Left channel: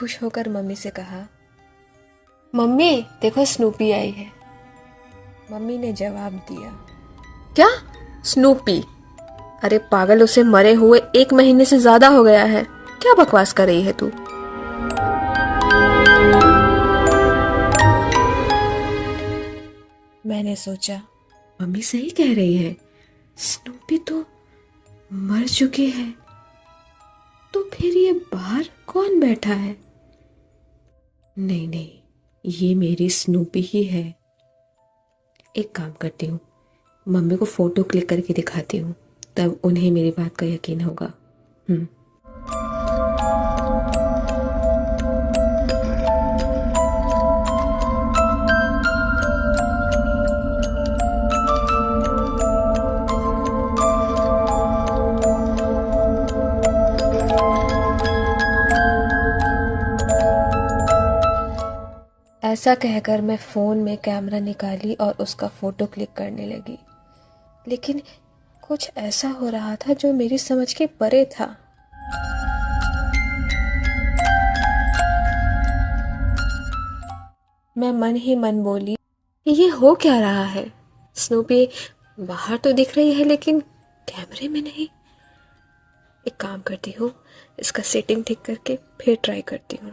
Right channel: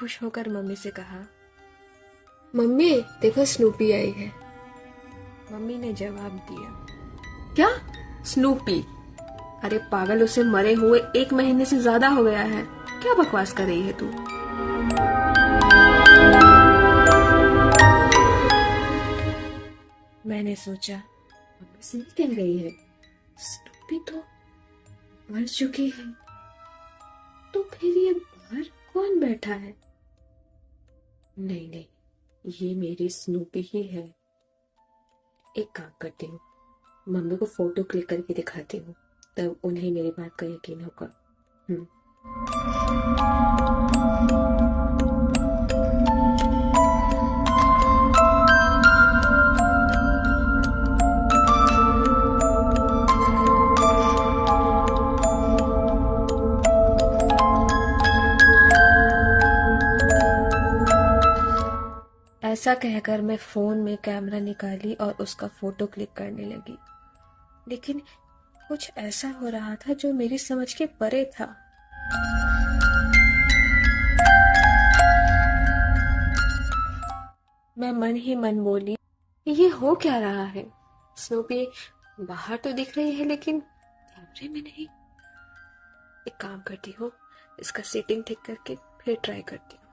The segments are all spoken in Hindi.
खुश होकर मम्मी से कहा, मम्मी देखो स्नूपी आई है। मम्मी ने जवाब दिया, क्या स्नूपी? अरे पागल, उसे मरे हुए 1 महीने से ज्यादा हो गया है, क्या बकवास कर रही है तू? मैंने सोचा मम्मी सही कह रही है, स्नूपी तो मर चुकी है, तो फिर ये बाहर कौन बैठा है? नहीं नहीं, ये मेरी स्नूपी ही है। एक काम करती हूँ, मम्मी को फोटो क्लिक करके दिखाती हूँ, तब उन्हें मेरी बात का यकीन होगा। ऐसा कहकर मैं फ़ोन में कैमरा निकाली और उसका फ़ोटो क्लिक करने लगी, लेकिन कुछ ऐसा हो रहा था जो मेरी समझ के परे था। मैं मन ही मन बोली, ये हो क्या रहा है? स्नूपी बाहर तो दिख रही है लेकिन कैमरे में नहीं। एक काम करती हूँ, इसका सेटिंग ठीक करके फिर ट्राई करती हूँ।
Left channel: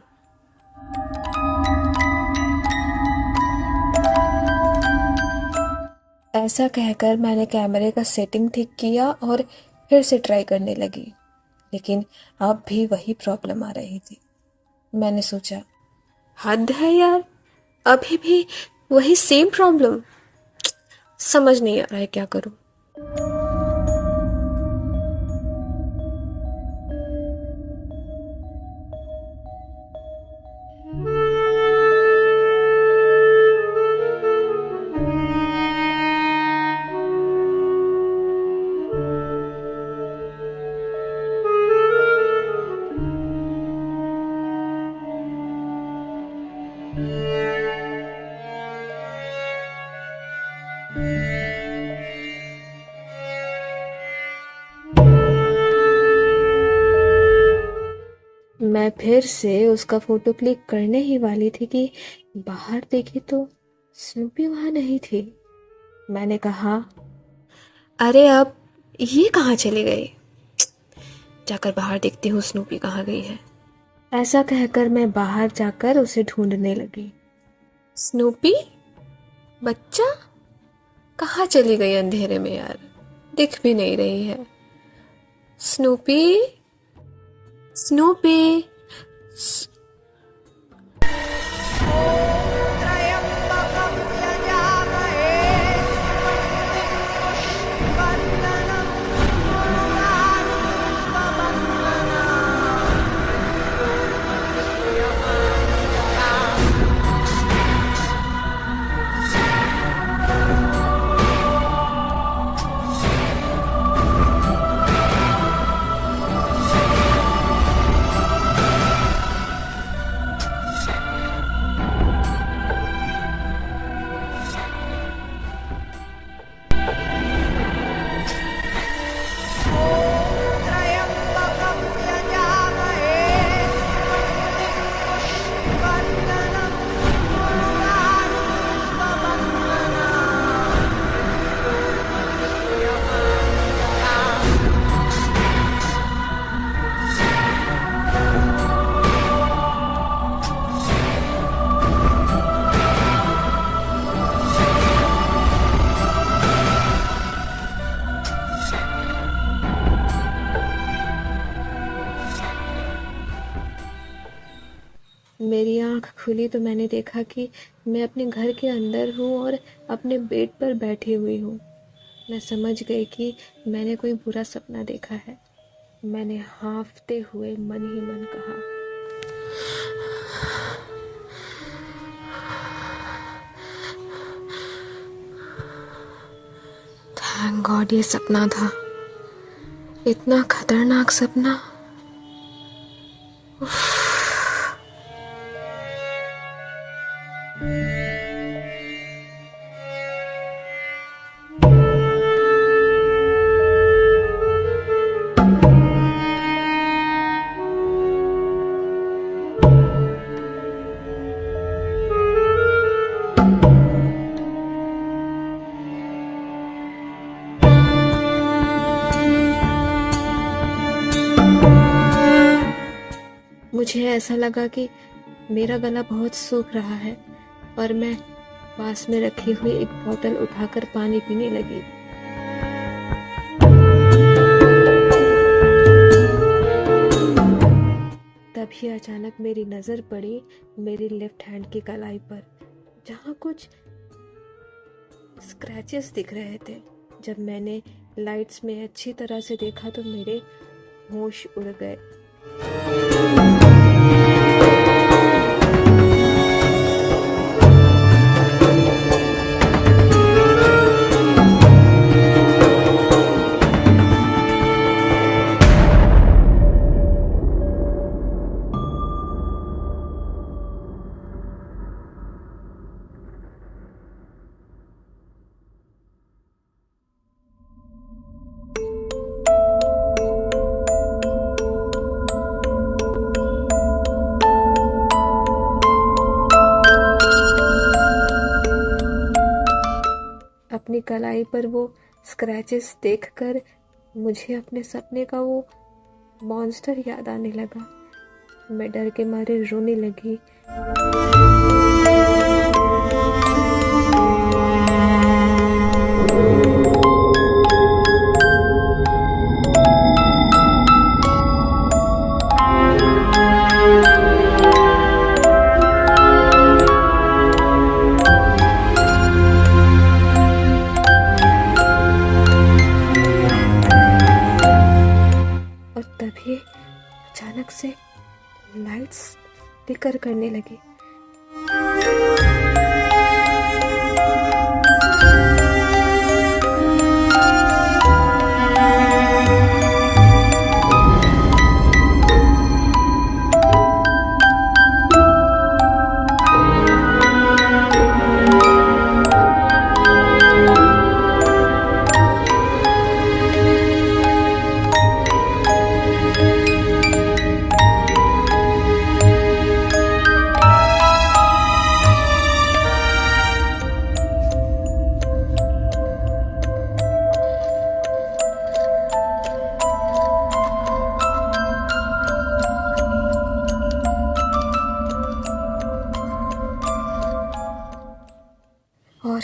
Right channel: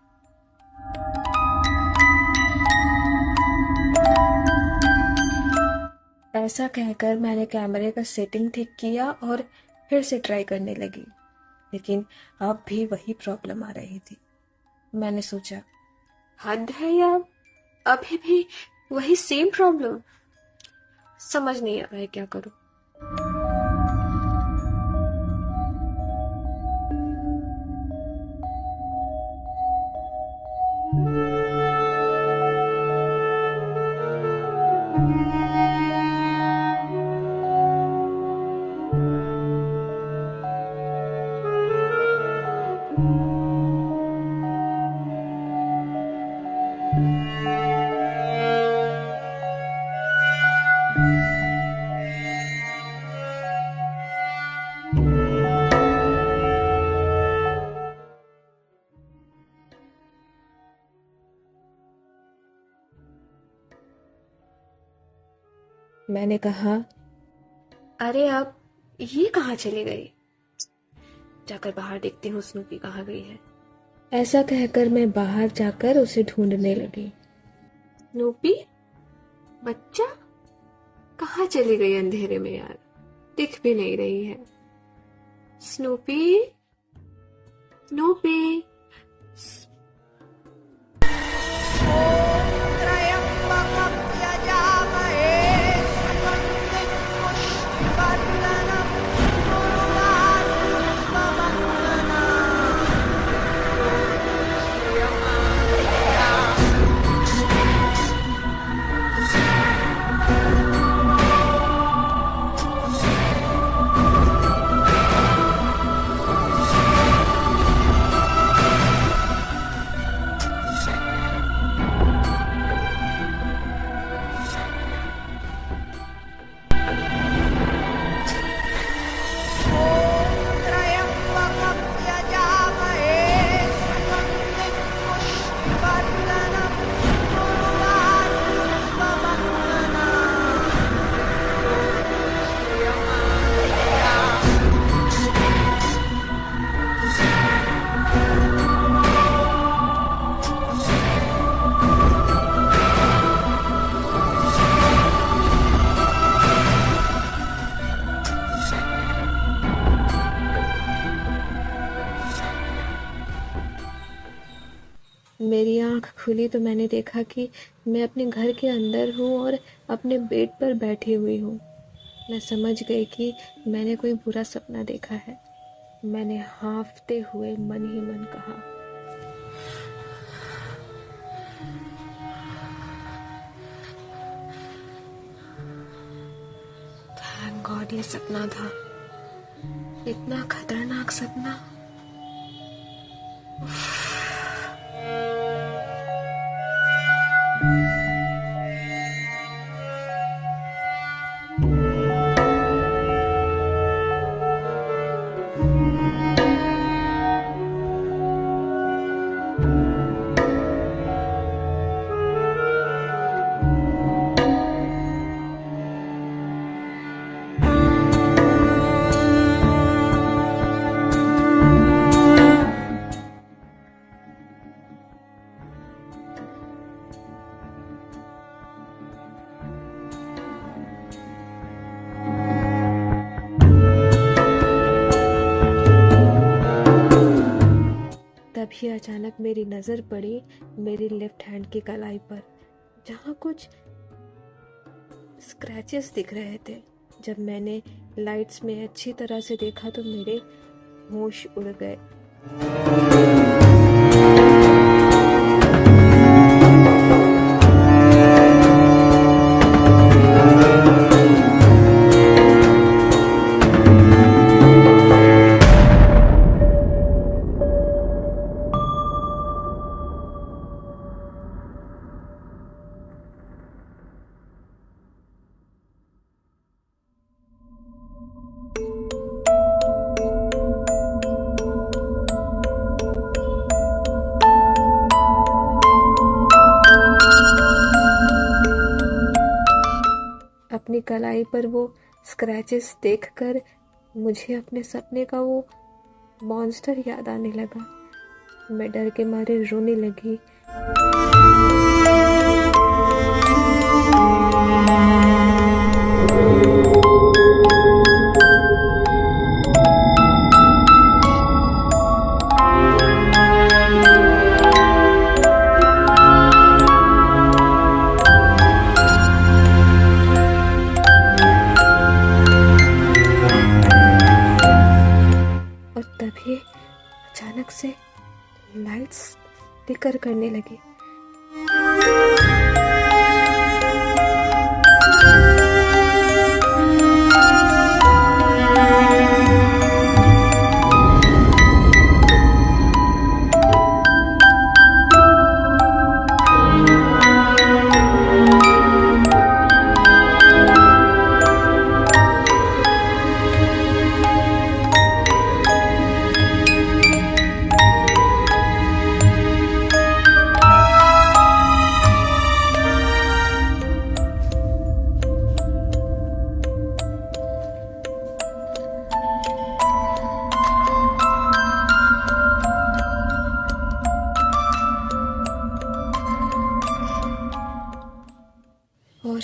ऐसा कहकर मैंने कैमरे का सेटिंग ठीक किया और फिर से ट्राई करने लगी, लेकिन अब भी वही प्रॉब्लम आ रही थी। मैंने सोचा, हद है यार, अभी भी वही सेम प्रॉब्लम। समझ नहीं आ रहा है क्या करूं। मैं फिर से उसका फोटो क्लिक करने ही वाली थी कि बाहर देखी तो स्नूपी वहां नहीं थी। मैंने कहा, अरे अब ये कहाँ चली गई? जाकर बाहर देखती हूँ स्नूपी कहाँ गई है। ऐसा कहकर मैं बाहर जाकर उसे ढूंढने लगी। स्नूपी बच्चा कहाँ चली गई अंधेरे में यार, दिख भी नहीं रही है। स्नूपी स्नूपी त्र्यम्बकं यजामहे सुगन्धिं पुष्टिवर्धनं उर्वारुकमण्डनानि मृत्योर्मुक्षीयमामृतात्। त्र्यम्बकं यजामहे सुगन्धिं पुष्टिवर्धनं उर्वारुकमण्डनानि मृत्योर्मुक्षीयमामृतात्। मेरी आंख खुली तो मैंने देखा कि मैं अपने घर के अंदर हूँ और अपने बेड पर बैठी हुई हूँ। मैं समझ गई कि मैंने कोई बुरा सपना देखा है। मैंने हाँफते हुए मन ही मन कहा, थैंक गॉड ये सपना था, इतना खतरनाक सपना। मुझे ऐसा लगा कि मेरा गला बहुत सूख रहा है और मैं पास में रखी हुई एक बोतल उठाकर पानी पीने लगी। तभी अचानक मेरी नज़र पड़ी मेरी लेफ्ट हैंड की कलाई पर, जहाँ कुछ स्क्रैचेस दिख रहे थे। जब मैंने लाइट्स में अच्छी तरह से देखा तो मेरे होश उड़ गए। अपनी कलाई पर वो स्क्रैचेस देखकर मुझे अपने सपने का वो मॉन्स्टर याद आने लगा। मैं डर के मारे रोने लगी। और तभी अचानक से लाइट्स फ्लिकर करने लगी। और